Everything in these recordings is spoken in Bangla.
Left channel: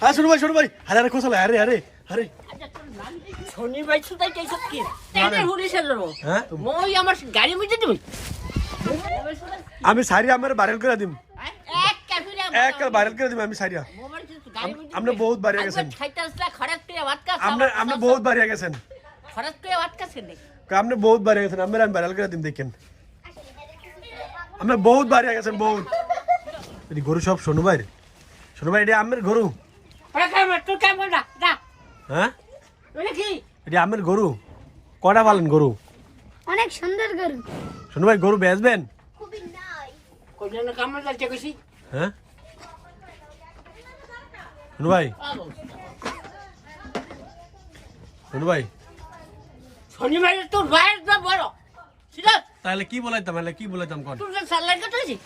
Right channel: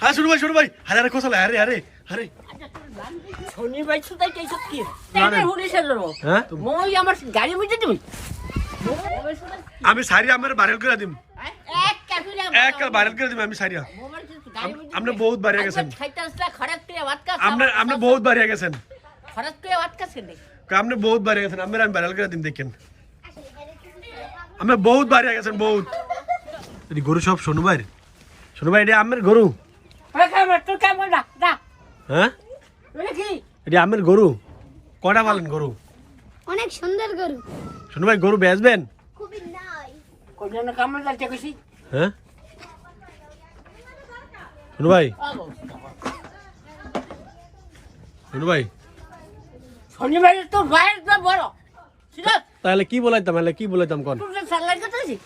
হ্যাঁ শুরু ভাই আরে আরে কোথায় আরে আরে আরে শনি ভাই সুদাই কেসব কি তেনে হুলিছে যাবো হ্যাঁ মই আমার গাড়ি মিটে দিবি আমি সারি আমার ভাইরাল করে দিম এক কাফিরা এক ভাইরাল করে দিম আমি সারিয়া মোবাইল গাড়ি মিটে আপনি বহুত বাড়িয়া গেছেন খাইতাছলা খরাক তে ভাত কা আপনি বহুত বাড়িয়া গেছেন খরাক তে ভাত কা সেনে আপনি বহুত বাড়িয়া গেছেন আমি ভাইরাল করে দিম দেখেন আপনি বহুত বাড়িয়া গেছেন বহুত এই গরু সব শোনো ভাই এটা আমের গরু আরে কাম তো কাম না দা হ্যাঁ ওরে কি এটা আমের গরু কটা পালেন গরু অনেক সুন্দর গরু শোনো ভাই গরু বেচবেন খুবই নাই কোন কাম না যাচ্ছে কইছি হ্যাঁ শোনো ভাই শনি ভাই তোর ভাইয়ের তো বড় ঠিক আছে তাহলে কি বলাইতাম কোন তুই সালাই কথা হইছি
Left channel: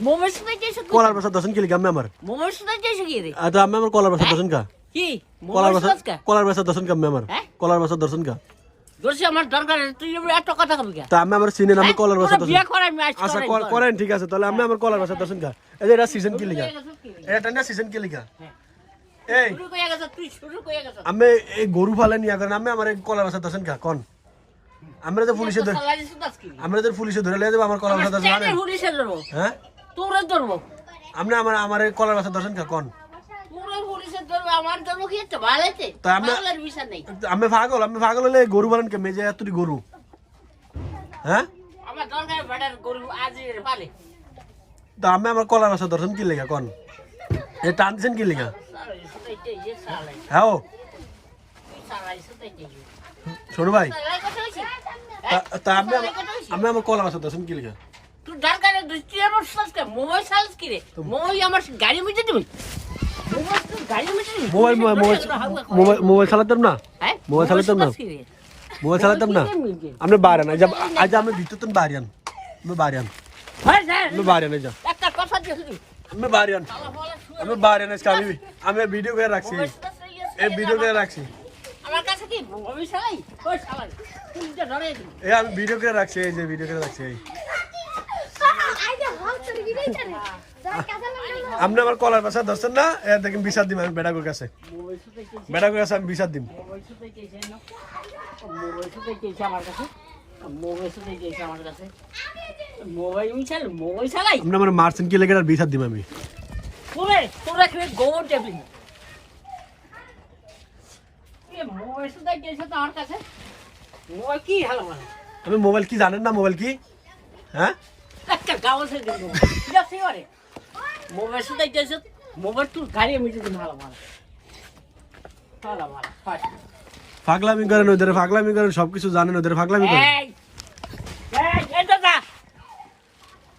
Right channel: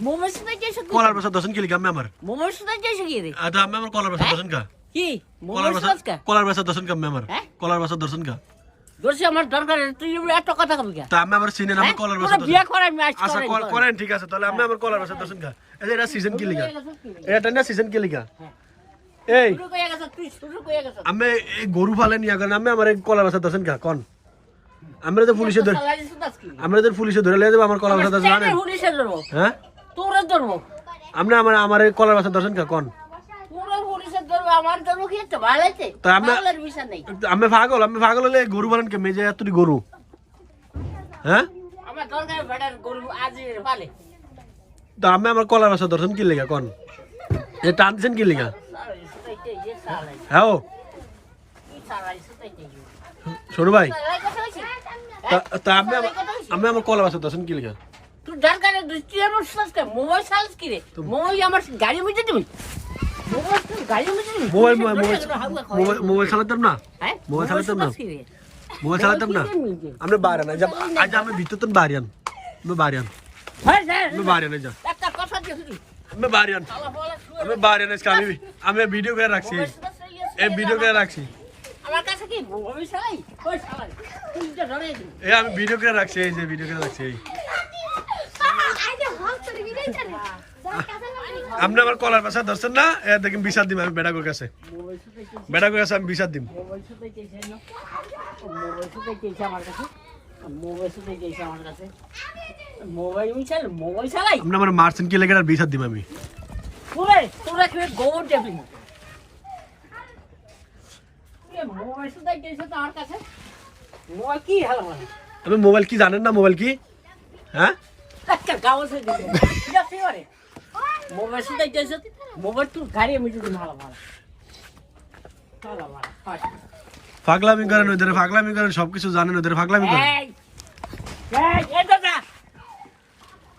মোবাইল সুদাই কেসব কলার বাসা দর্শন কিলি গামে আমার মোবাইল সুদাই কেসব কি রে তো আমি আমার কলার বাসা দর্শন কা কি কলার মোবাইল বাসা সুদাই কা কলার বাসা দর্শন কা আমার হ্যাঁ? কলার বাসা দর্শন কা দোষী আমার দরকার তুই এত কথা কবি কা তা আমি আমার সিনে নামে কলার বাসা দর্শন বিয়া করাই আমি আজ আচ্ছা করাই করেন ঠিক আছে তাহলে আমি আমার কলার বাসা দর্শন কা এটা সিজন কি লিগা এটা না সিজন কি লিগা এই শুরু কইয়া গেছ তুই শুরু কইয়া গেছ আমি এই গরু ফালে নিয়া কারণ আমি আমার কলার বাসা দর্শন কা কোন আমরা তো পুলিশে ধরে সালাই সুদাস কি আমরা তো পুলিশে ধরে লয়ে যাব আমার কলার বাসা দর্শন তেনে হুলিছে যাবো হ্যাঁ তোরে ধরবো আপনি আমার কলার বাসা দর্শন কা কোন তোরে হুলিছে ধরবো আমার ধরবো কি একটা ভালোইতে তা আমরা- পাগলের বিষয় নেই আমি পাগল হলে গরু বানান কে মেজে এতটি গরু হ্যাঁ আমার দরকার বেটার গরু আজ পালে তো আমি আমার কলার বাসা দর্শন কি লেগা কোন এ টান দিছেন কি লেগা সালাই সুদাইতে যে সালাই হ্যাঁ ও, তুই সালাই সুদাইতে শোনো ভাই সালাই কথা হইছে তা আমি আমার কলার বাসা দর্শন কি লেগা তুই দরকারে তুই আমার সাথে মোবাইল সালস কি রে মোবাইল আমার গাড়ি মিটে দিবি মোবাইল গাড়ি মিটে দিবি মোবাইল চালাতাম না হ্যাঁ মোবাইল চালাতাম না মোবাইল চালাতাম না আপনি বাড়ান আজ আমি ভিতর তো বাড়িয়ান আমি বাড়িয়ান হয় স্যার আমি বাড়িয়ান যা একটা কথা দিছি আমি বাড়িয়ান আমি বাড়িয়ান আজকে আমি ভিডিও করে রাখছি এই ভিডিও করে রাখছি আমার কাছে কি মোবাইল চালাই কই চালাই তুই যা ধরে দিবি এই আমি ভিডিও করে রাখছি এই যে ভিডিও করে রাখছি এই আইদা ভাগ করে দিবি জানে আপনি আমার কলার বাসা দর্শন না এ দেখেন বিচার দিম আমি বেড়াগোর কাছে মোবাইল সুদাইতে বেড়াগোর কাছে আমি বিচার দিম মোবাইল সুদাইতে না মোবাইল সুদাইতে আমার কাছে মোবাইল সুদাইতে আমার কাছে মোবাইল চালাই আপনি আমার মারছেন কি লেগে আর বিচার দিম আমি তোরা খেয়ে গোবর টেবিল মোবাইল সুদাইতে তো আমার কাছে মোবাইল কি হলো মানে আপনি মোবাইল কি জানেন না মোবাইল কি হ্যাঁ একটা গাঁও থেকে ঠিক আছে এবারে মোবাইল সুদাইতে মোবাইল তুই গাড়ি মিটে দিন ভালো পাগলামি করেন ওদের পাগলামি করেন সবকিছু জানেন ওদের পাগলামি করেন এই এটা যা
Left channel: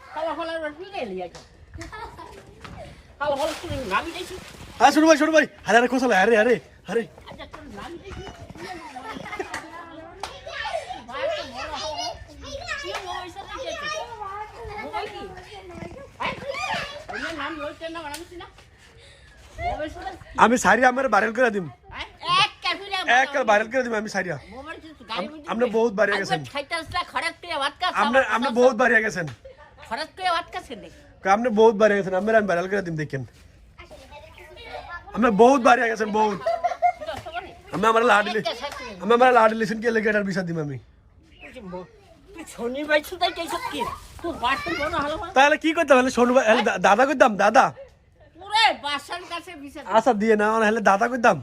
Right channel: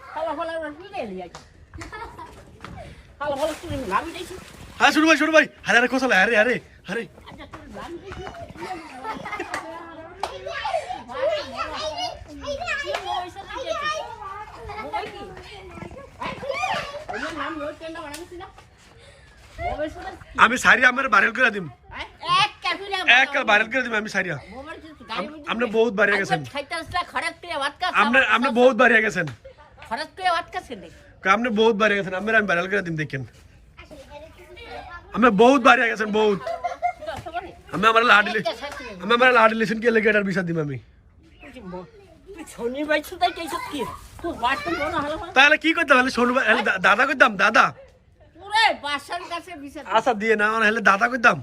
ভালো রসুন লিয়া ভালো তুই নামি দিছি হ্যাঁ শুরু ভাই আরে আরে কোথায় আরে আরে আরে আচ্ছা তোর নামি দিছি ভাই তো বড় হলো কি মোবাইল সুদাইতে মোবাইল কি ওই নাম লইতে না বানাইছি না মোবাইল সুদাই আমি সারি আমার ভাইরাল করে দিম এক কাফিরা এক ভাইরাল করে দিম আমি সারিয়া মোবাইল গাড়ি মিটে আপনি বহুত বাড়িয়া গেছেন খাইতাছলা খরাক তে ভাত কা আপনি বহুত বাড়িয়া গেছেন খরাক তে ভাত কা সেনে আপনি বহুত বাড়িয়া গেছেন আমি ভাইরাল করে দিম দেখেন আমি বহুত বাড়িয়া গেছেন বহুত আমি আমার লাডি লিসেন কি লেগে এটার বিচার দিম আমি তুই শনি ভাই সুদাই কেসব কি তোর বাট তো মনে হলো তাহলে কি করতে হলে শোনো দাদা কইতাম দাদা পুরে বাসার কাছে বিচার আচ্ছা দিয়ে না হলে দাদা কইতাম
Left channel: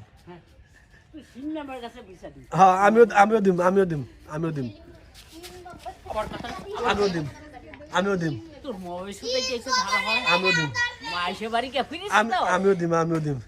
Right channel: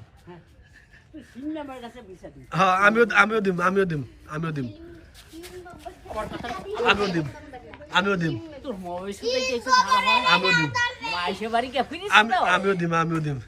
তুই সিনেমার কাছে বিচার দি হ্যাঁ আমিও দিম আমার কথা আমিও দিম তোর মোবাইল সুদাই কেসব ভালো হয় আমিও দিম মাইসে বাড়ি কে ফিরিস তো আমিও দিম